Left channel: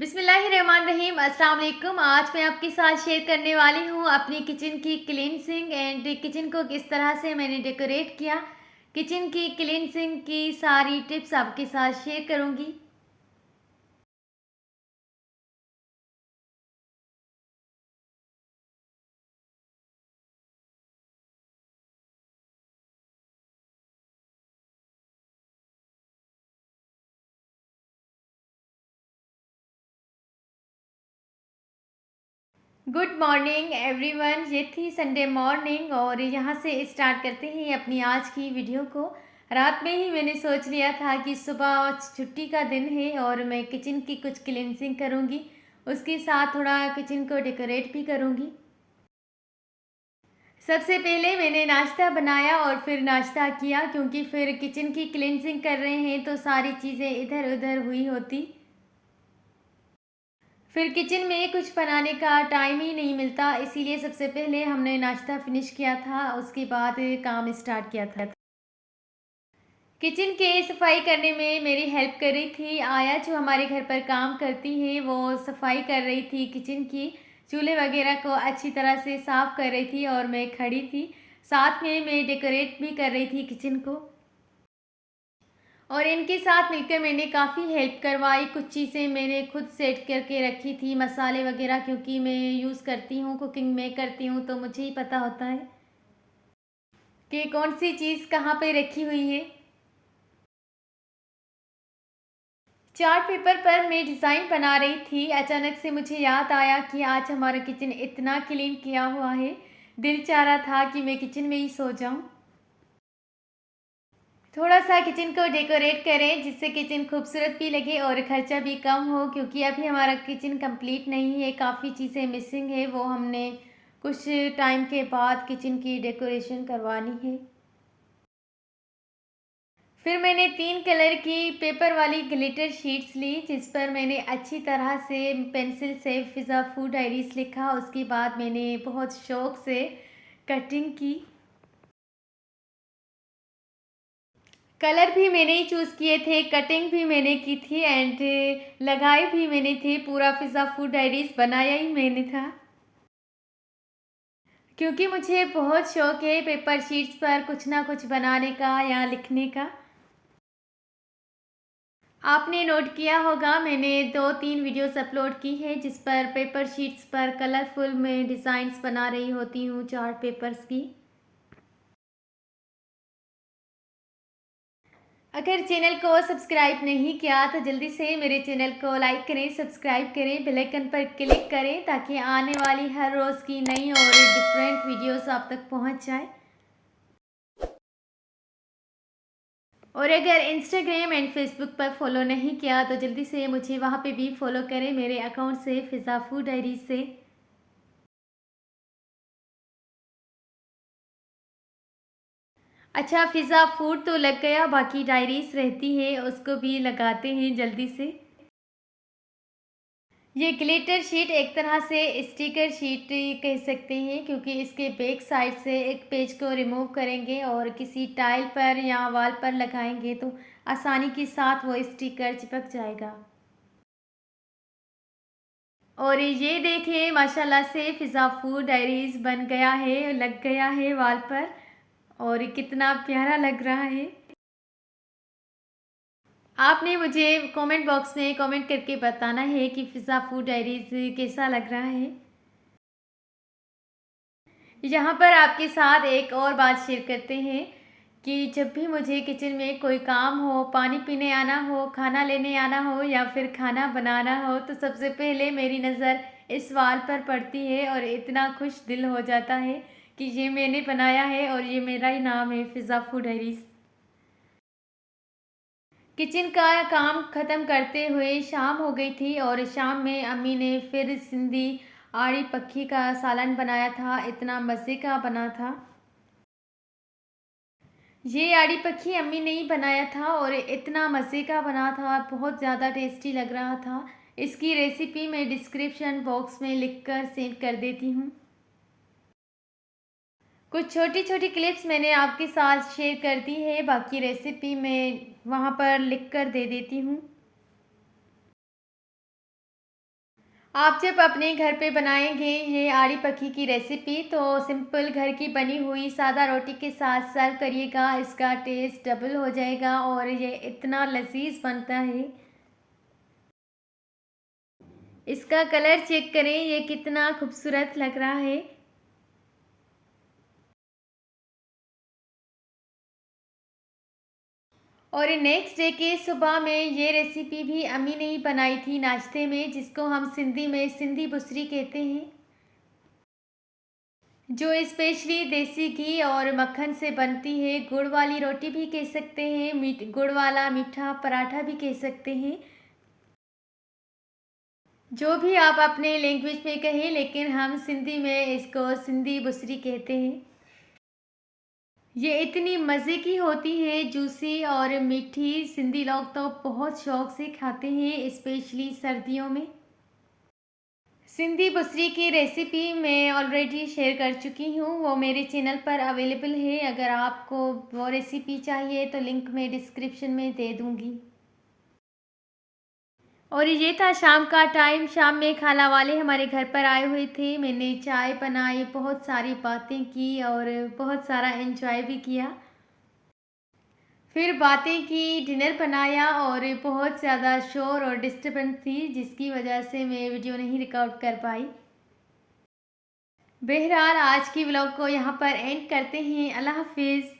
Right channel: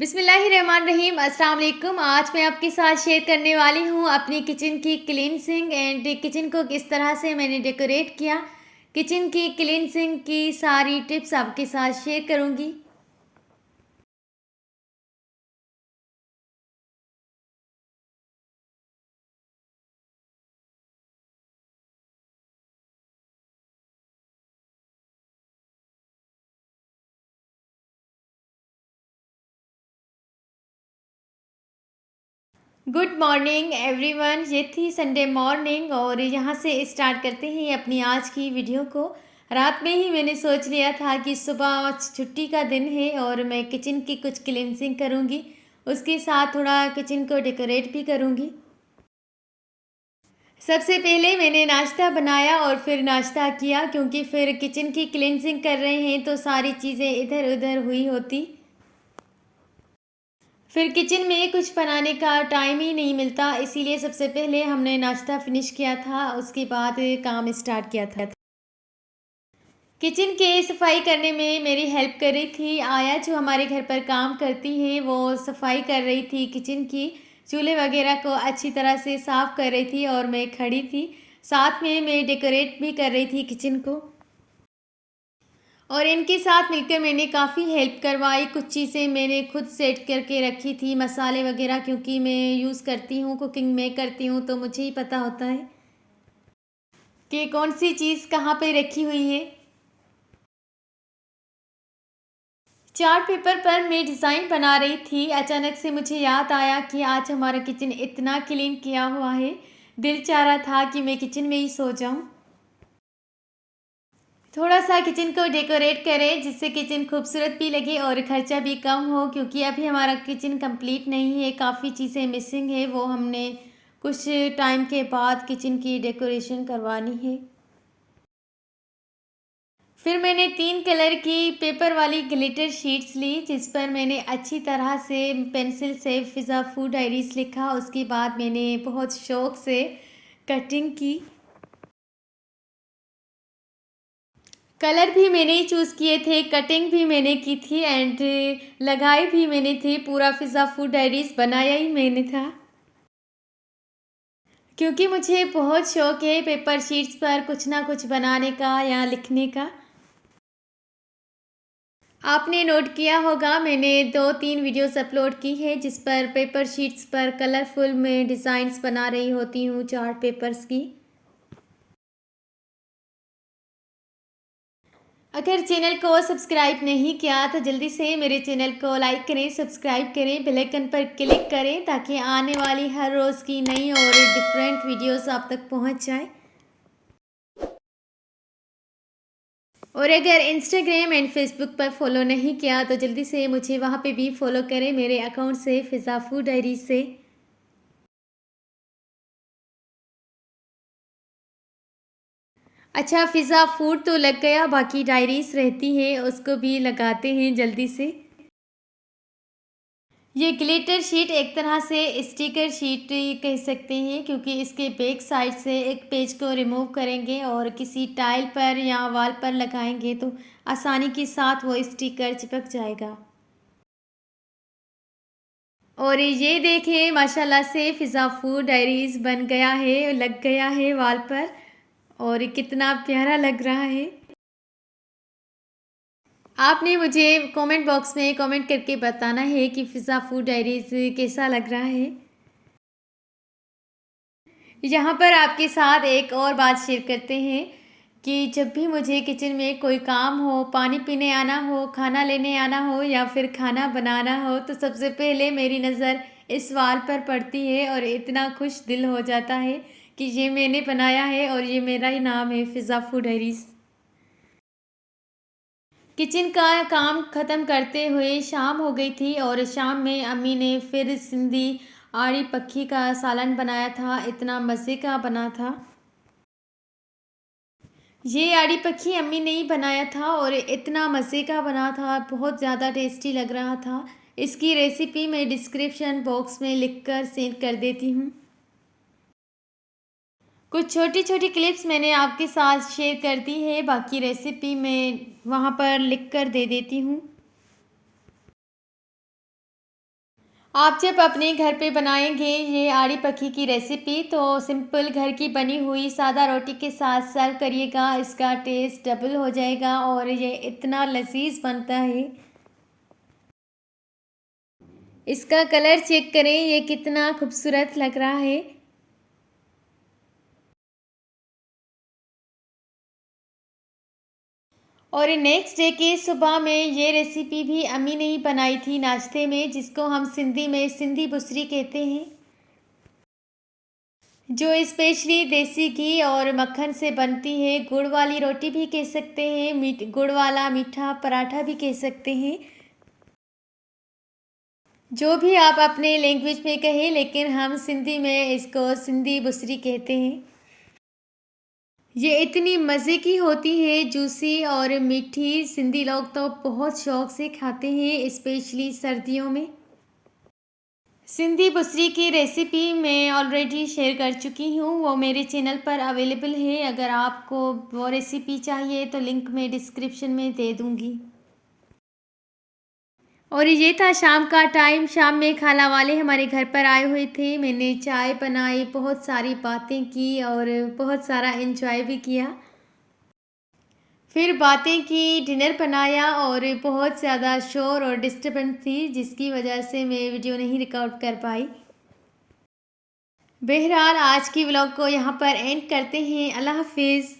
बिस्मिल्लाहिर्रहमानिर्रहीम। अस्सलाम वालेकुम। आज मैं आपके साथ शेयर करने वाली हूँ अपनी किचन की क्लींजिंग एंड किचन को किस तरह से मैंने डेकोरेट किया। किचन की क्लींजिंग की सारी टिप्स आपके साथ शेयर करूँगी। Good morning everyone. ये थी संडे मॉर्निंग और यहाँ से स्टार्ट करते हैं अपनी आज की वीडियो को। रात में ही मैंने सोच लिया था कि सुबह छुट्टी का दिन है और मैं किचन की कुछ क्लींजिंग करूँगी, उसके साथ थोड़ा किचन को डेकोरेट भी करूँगी। सबसे पहले मैंने नाश्ता बनाया और फिर नाश्ता किया, क्योंकि फिर किचन की क्लींजिंग कर रहे हैं तो सारी चीज़ें इधर उधर हुई होती। फिर किचन में कुछ बनाने का टाइम ही नहीं मिलता, इसीलिए सबसे पहले हमने नाश्ता फिनिश किया था, उसके बाद काम स्टार्ट किया था। किचन के सफाई करने में मेरी हेल्प कर रही थी आया, जो हमारे घर पर काम करती है। वो सफाई कर रही थी किचन की, चूल्हे वगैरह को अच्छी तरह से साफ़ कर रही थी और मैं खड़ी थी। साथ में मैं डेकोरेट भी कर रही थी किचन को, और इनके साथ मिलकर मैंने काफ़ी हेल्प करवाई। कुछ चीज़ें मैंने खुद सेट करके रखी थी, मसाले वगैरह, क्योंकि मैं यूज़ करती हूँ, कुकिंग में करती हूँ, तो मुझे ही पता होता है कि कौन सी चीज़ कहाँ पे रखी हुई है। चार्ट पेपर पर मैं डिज़ाइन बना रही थी। अचानक से मुझे याद आया कि आज हमारा किचन इतना क्लीन किया हुआ है, दिल चाह रहा था कि मैं किचन में ही सो जाऊं। थोड़ा सा किचन को डेकोरेट करें जिससे किचन खूबसूरत भी लगे और खर्चा भी कम हो, क्योंकि अभी हमारा किचन कंप्लीट नहीं है, काफ़ी चीज़ें मिसिंग है, वो हमने कुछ टाइम के बाद किचन की डेकोरेशन करवानी है। फिर मैंने 3 कलर की पेपर वाली ग्लिटर शीट्स ली, जिस पर मैंने अच्छी तरह से पेंसिल से फ़िज़ा फूड डायरीज़ लिखा। उसके बाद मैंने बहुत शौक़ से कटिंग की। कलर भी मैंने ही चूज़ किए थे, कटिंग भी मैंने की थी एंड लगाई भी मैंने थी। पूरा फ़िज़ा फूड डायरीज़ बनाया ही मैंने था, क्योंकि मुझे बहुत शौक़ है पेपर शीट्स पर कुछ ना कुछ बनाने का या लिखने का। आपने नोट किया होगा, मैंने 2-3 वीडियोस अपलोड की है जिस पर पेपर शीट्स पर कलरफुल में डिज़ाइंस बना रही होती हूँ चार्ट पेपर्स की। अगर चैनल को सब्सक्राइब नहीं किया तो जल्दी से मेरे चैनल को लाइक करें, सब्सक्राइब करें, बेल आइकन पर क्लिक करें, ताकि आने वाली हर रोज़ की नई और डिफरेंट वीडियोस आप तक पहुँच जाए। और अगर इंस्टाग्राम एंड फेसबुक पर फॉलो नहीं किया तो जल्दी से मुझे वहाँ पे भी फॉलो करें, मेरे अकाउंट से, फ़िज़ा फूड डायरी से। अच्छा, फ़िज़ा फूड तो लग गया, बाकी डायरीज़ रहती है, उसको भी लगाते हैं जल्दी से। ये ग्लिटर शीट एक तरह से स्टिकर शीट कह सकते हैं, क्योंकि इसके बैक साइड से एक पेज को रिमूव करेंगे और किसी टाइल पर या वॉल पर लगाएंगे तो आसानी के साथ वो स्टिकर चिपक जाएगा। और ये देखिए, माशाल्लाह से फ़िज़ा फूड डायरीज़ बन गया है, लग गया है वॉल पर, और कितना प्यारा लग रहा है। आपने मुझे कमेंट बॉक्स में कमेंट करके बताना है कि फ़िज़ा फूड डायरीज़ कैसा लग रहा है। यहाँ पर आपके साथ एक और बात शेयर करते हैं कि जब भी मुझे किचन में कोई काम हो, पानी पीने आना हो, खाना लेने आना हो या फिर खाना बनाना हो, तो सबसे पहले मेरी नज़र इस वॉल पर पड़ती है और इतना खुश दिल हो जाता है कि ये मैंने बनाया है और ये मेरा ही नाम है, फ़िज़ा फूड डायरीज़। किचन का काम ख़त्म करते हुए शाम हो गई थी और शाम में अम्मी ने फिर सिंधी आड़ी पक्की का सालन बनाया था, इतना मज़े का बना था। ये आड़ी पक्की अम्मी ने ही बनाया था और इतना मज़े का बना था, बहुत ज़्यादा टेस्टी लग रहा था। इसकी रेसिपी मैं डिस्क्रिप्शन बॉक्स में लिखकर सेंड कर देती हूँ। कुछ छोटी-छोटी क्लिप्स मैंने आपके साथ शेयर कर दी है, बाकी रेसिपी मैं वहाँ पर लिख कर दे देती हूँ। आप जब अपने घर पे बनाएंगे ये आड़ी पखी की रेसिपी तो सिंपल घर की बनी हुई सादा रोटी के साथ सर्व करिएगा। इसका टेस्ट डबल हो जाएगा और ये इतना लजीज बनता है। इसका कलर चेक करें, ये कितना खूबसूरत लग रहा है। और नेक्स्ट डे की सुबह में ये रेसिपी भी अम्मी ने ही बनाई थी नाश्ते में, जिसको हम सिंधी में सिंधी बुसरी कहते हैं, जो स्पेशली देसी घी और मक्खन से बनती है। गुड़ वाली रोटी भी कह सकते हैं, गुड़ वाला मीठा पराठा भी कह सकते हैं, जो भी आप अपने लैंग्वेज में कहें, लेकिन हम सिंधी में इसको सिंधी बुसरी कहते हैं। ये इतनी मज़े की होती है, जूसी और मीठी। सिंधी लोग तो बहुत शौक से खाते हैं, स्पेशली सर्दियों में। सिंधी बुसरी की रेसिपी मैं ऑलरेडी शेयर कर चुकी हूँ, वो मेरे चैनल पर अवेलेबल है। अगर आपको वो रेसिपी चाहिए तो लिंक मैं डिस्क्रिप्शन में दे दूँगी। और ये था शाम का टाइम। शाम में खाला वाले हमारे घर पर आए हुए थे। मैंने चाय बनाई, बहुत सारी बातें की और बहुत सारा एंजॉय भी किया। फिर बातें की, डिनर बनाया और बहुत ज़्यादा शोर और डिस्टर्बेंस थी, जिसकी वजह से मैं वीडियो नहीं रिकॉर्ड कर पाई। बहरहाल आज की व्लॉग को यहाँ पर एंड करते हैं। अल्लाह हाफिज़।